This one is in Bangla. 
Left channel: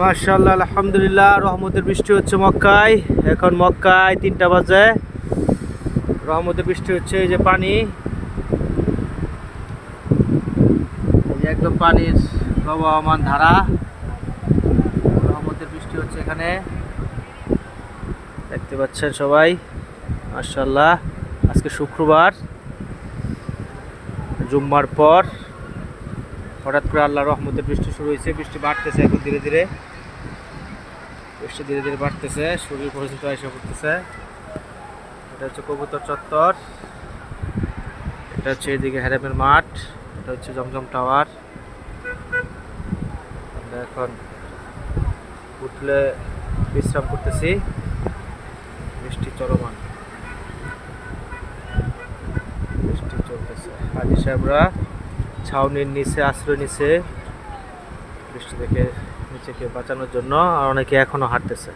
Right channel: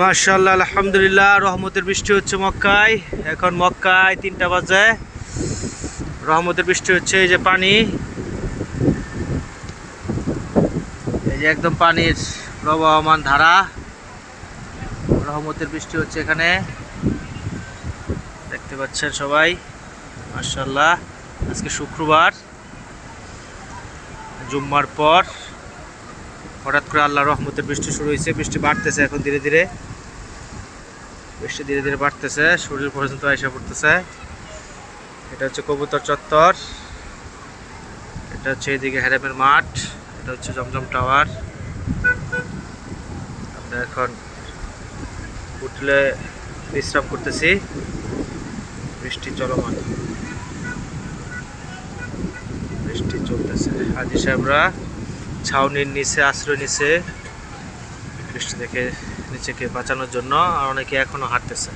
মাশাআল্লাহ, আলহামদুলিল্লাহ, রহমতের বৃষ্টি হচ্ছে মক্কায়। এখন মক্কায় 3টা বাজে। রহমতের বৃষ্টি হচ্ছে। এই যে পানি, এই যে একদম পানির প্রবাহমান ধারা। রহমতের বৃষ্টি হচ্ছে এখানে, দেখতে পাচ্ছেন সবাই। মাশাআল্লাহ, আজকে শুক্রবার, জুম্মার পর হঠাৎ করে আল্লাহ রহমতের বৃষ্টি শুরু হয়েছে। বৃষ্টি বাড়তেছে এখন ধীরে ধীরে, বৃষ্টি ধীরে ধীরে বাড়তেছে, শরীর পর্যন্ত এসে পড়তেছে। এটা হচ্ছে কবুতর চত্বর, এটা হচ্ছে এদিকে হ্যারেমের মাঠ, এটা হচ্ছে জমজম টাওয়ার। আমরা এখন হোটেলে বিশ্রাম করতেছি। বৃষ্টি চলমান, বৃষ্টি চলতেছে। হাজি সাহেবরা ছাউনির নিচে আশ্রয় নিছে বৃষ্টি থেকে নিজেকে বাঁচানোর জন্য, আর অনেকে এখনো হাঁটতেছে।